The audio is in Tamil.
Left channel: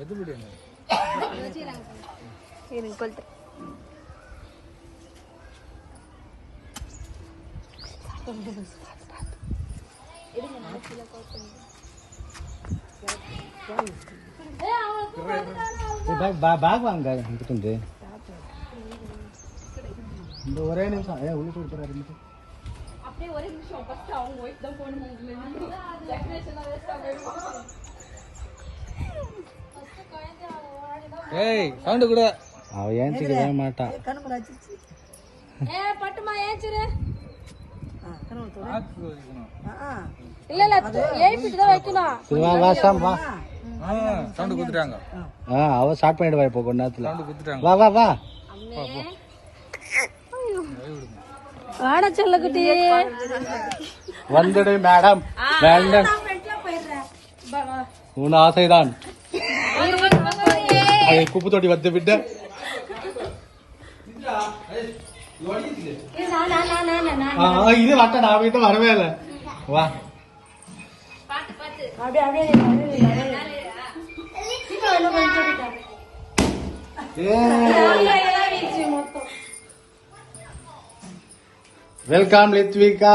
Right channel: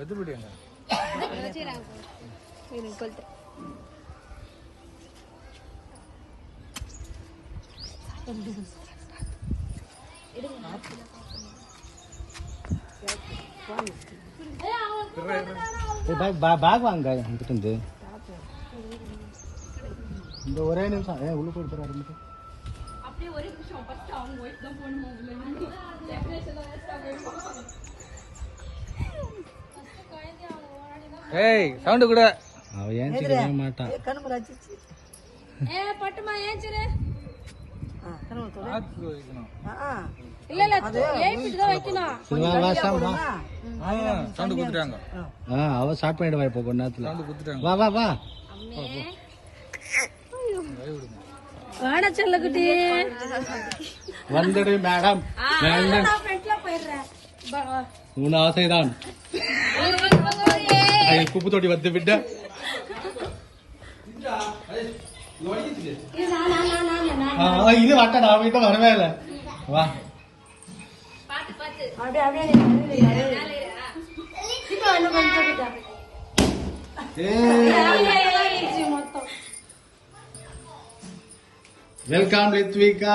பேக் வாங்க இங்கிட்டு இந்த ஒரே நிமிஷம் உள்ள போயிட்டு அப்படியே ஒரே நிமிஷம் ஃபர்ஸ்ட் அவங்க வெயிட் தான் போடணும் டெக்கரேஷன் வேஸ்டா போயிடும். ஏய் சவுண்ட் கூட அவ ஏஞ்சிக்கவே மாட்டா. கண்ணு ராச்சிச்சு ஏய் பட்டுமா ஏஞ்சிரு. கண்ணு தோட ஆத்து வைக்கணும். இல்ல இல்ல லைட் தான் வைக்கணும். வா வா சாம் வா. சவுண்ட் குடுத்துட்டாங்க. அவ ஸ்டார்ட் பண்ணிடுவா இப்போ கொஞ்ச நேரத்துல. சவுண்ட் குடுத்துட்டாங்க. வா வா வா. போ போ. வாடா செல்லக்குட்டி வந்துடு மேடம். வேண்டாம் நான் ஃப்ரண்ட்ல போயிடுறேன். உன் ஆசைதான். ஐ குப்பு தொட்டி வந்து விட்ட. இது வட்ட நான் வீட்டு வரவே இல்லை. வா பாத்து பாத்து அப்படியே அப்படியே வெல்கம் லித்விகா.